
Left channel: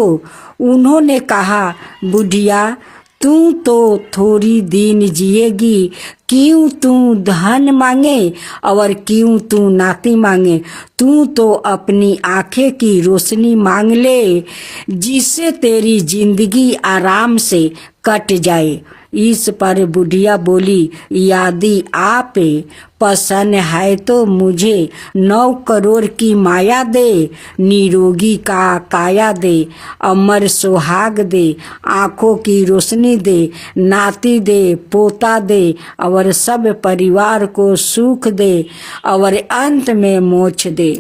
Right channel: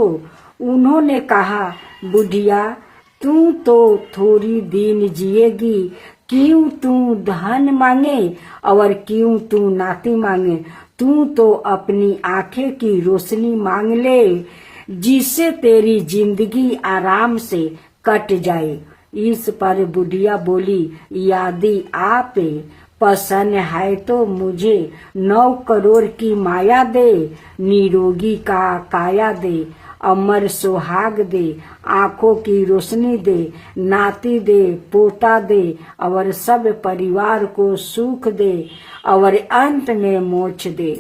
उन्होंने कहा, बुढ़िया तू तो थोड़ी दिन जिएगी, क्यों तू धन मांगे और क्यों तू नाती मांगे। तू तो अपनी आंखें की रोशनी मांग ले, जिससे तेरी जिंदगी आराम से कट जाए। इस पर बुढ़िया बोली, यदि आप पसंद है तो मुझे 9 करोड़ की माया दे, निरोगी का काया दे, अमर सुहाग दे, आंखों की रोशनी दे, नाती दे, पोता दे और सब परिवार को सुख दे और अंत में मोक्ष दे।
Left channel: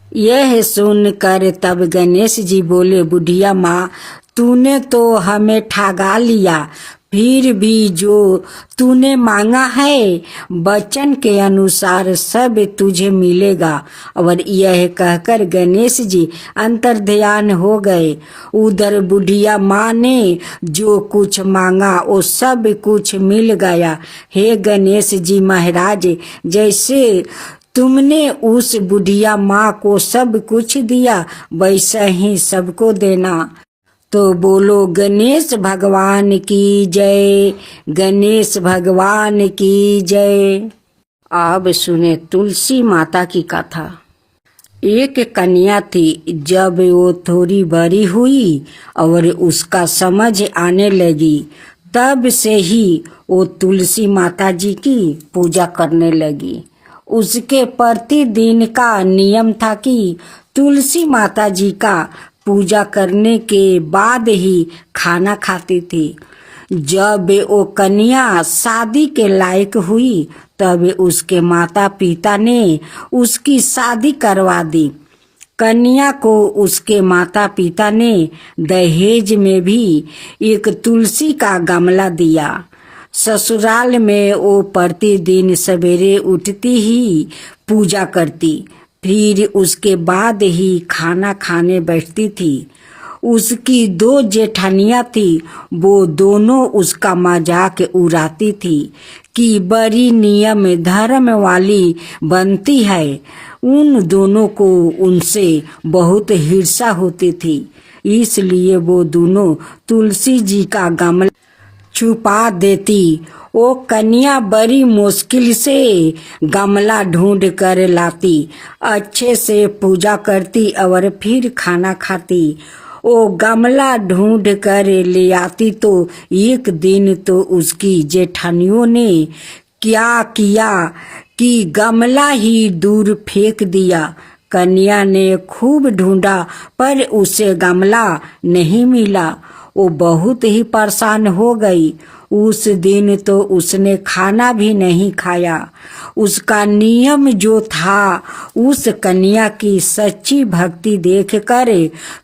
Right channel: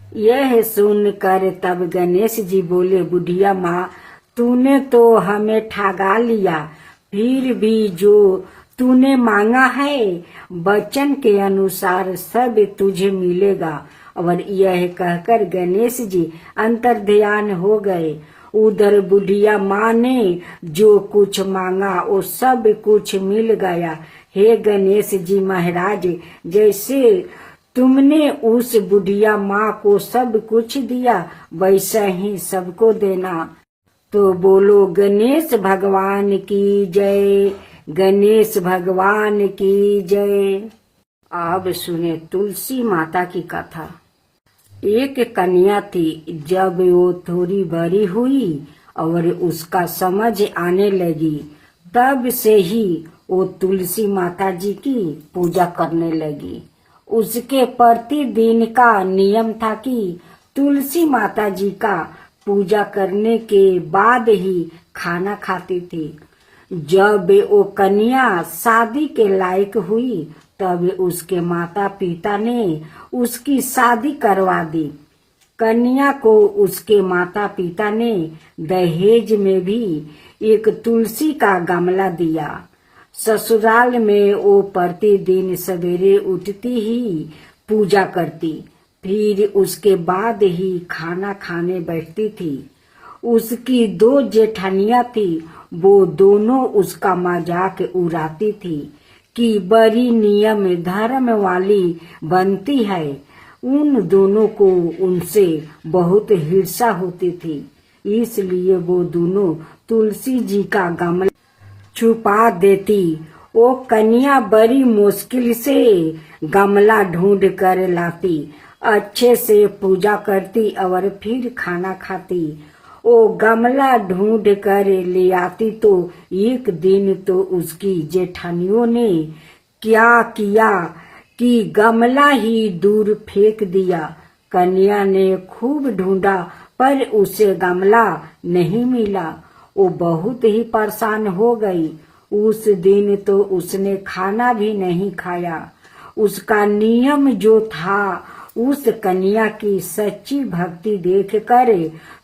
यह सुनकर तब गणेश जी बोले, बुढ़िया माँ, तूने तो हमें ठगा लिया, फिर भी जो तूने मांगा है वचन के अनुसार सब तुझे मिलेगा। और यह कहकर गणेश जी अंतर्ध्यान हो गए। उधर बुढ़िया माँ ने जो कुछ मांगा वो सब कुछ मिल गया। हे गणेश जी महाराज, जैसे तुमने उस बुढ़िया माँ को सब कुछ दिया वैसा ही सबको देना। तो बोलो गणेश भगवान की जय, गणेश भगवान की जय। अब सुने तुलसी माता की कथा। एक कन्या थी। जब वो थोड़ी बड़ी हुई और उसका समझ आने लगी, तब से ही वो तुलसी माता जी की पूजा करने लगी। उसके प्रतिदिन का नियम था कि तुलसी माता जी का पूजा करने के बाद ही खाना खाती थी। जब वो कन्या शादी के लायक हुई, तब उसके माता पिता ने उसकी शादी करवा दी। कन्या को उसके माता पिता ने दहेज में भी एक तुलसी का गमला दिया। ससुराल में वो प्रतिदिन सवेरे उठती ही पूजा करती, फिर उसके बाद ही खाना खाने बैठती थी। उसकी 2 जेठानियां थी, वो दोनों उसका मजाक उड़ाती थी कि बड़ी नियम धर्म वाली बनती है। उन दोनों को उनसे बहुत ईर्ष्या होती थी, इसलिए वो दोनों तुलसी जी का गमला छुपा देती। वो कन्या बड़ी मुश्किल से गमला ढूंढ कर लाती, अच्छे से पूजा करती और फिर खाना खाती। वो गमला ढूंढ कर ले आती तो एक दिन तो उसकी जेठानियों ने क्या किया कि गमला ही दूर फेंक दिया। कन्या ने खूब ढूंढा पर उसे गमला नहीं मिला। वो बहुत ही परेशान हो गई। उस दिन तो उसने खाना भी नहीं खाया। उसका नियम जो था, उस कन्या की सच्ची भक्ति देखकर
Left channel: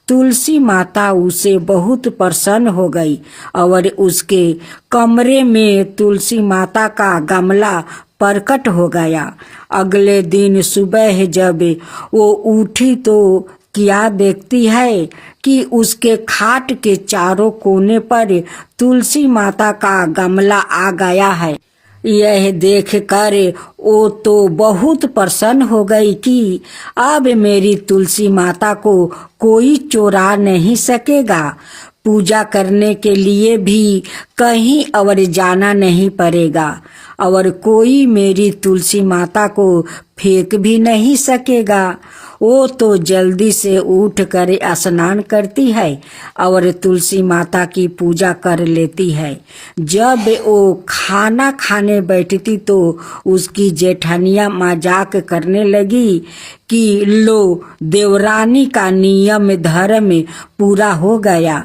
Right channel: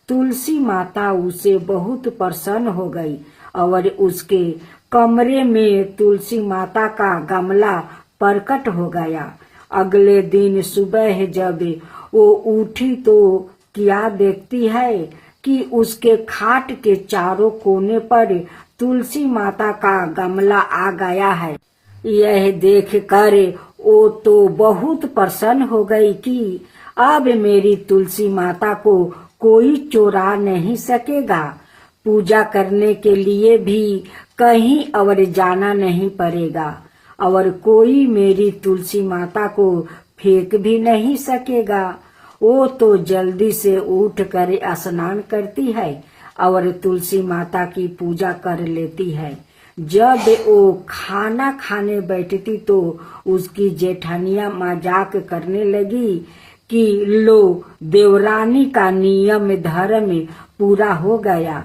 तुलसी माता उसे बहुत प्रसन्न हो गई और उसके कमरे में तुलसी माता का गमला प्रकट हो गया। अगले दिन सुबह जब वो उठी तो क्या देखती है कि उसके खाट के चारों कोने पर तुलसी माता का गमला आ गया है। यह देखकर वो तो बहुत प्रसन्न हो गई कि अब मेरी तुलसी माता को कोई चुरा नहीं सकेगा। पूजा करने के लिए भी कहीं और जाना नहीं पड़ेगा। और कोई मेरी तुलसी माता को फेंक भी नहीं सकेगा। वो तो जल्दी से उठ कर स्नान करती है और तुलसी माता की पूजा कर लेती है। जब वो खाना खाने बैठती तो उसकी जेठानिया मजाक करने लगी कि लो देवरानी का नियम धर्म पूरा हो गया।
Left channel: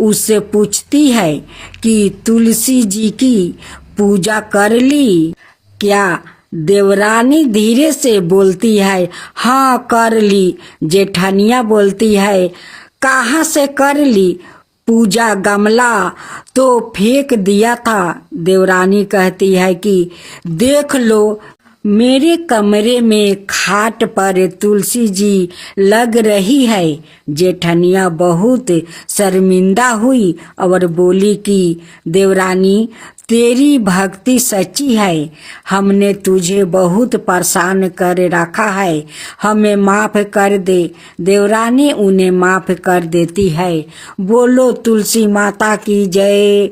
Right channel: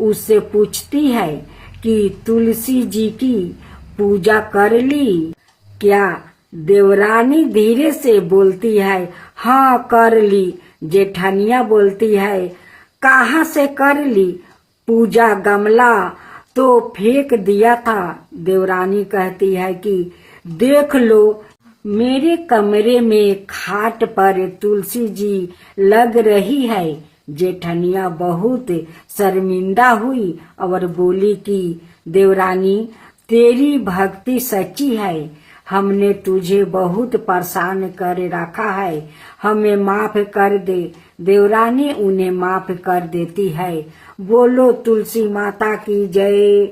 उससे पूछती है कि तुलसी जी की पूजा कर ली क्या? देवरानी धीरे से बोलती है, हाँ कर ली। जेठानिया बोलती है, कहाँ से कर ली? पूजा गमला तो फेंक दिया था। देवरानी कहती है कि देख लो मेरे कमरे में खाट पर तुलसी जी लग रही है। जेठनिया बहुत शर्मिंदा हुई और बोली कि देवरानी तेरी भक्ति सच्ची है, हमने तुझे बहुत परेशान कर रखा है, हमें माफ कर दे। देवरानी उन्हें माफ कर देती है। बोलो तुलसी माता की जय,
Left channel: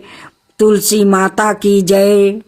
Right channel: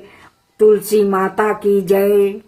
तुलसी माता की जय।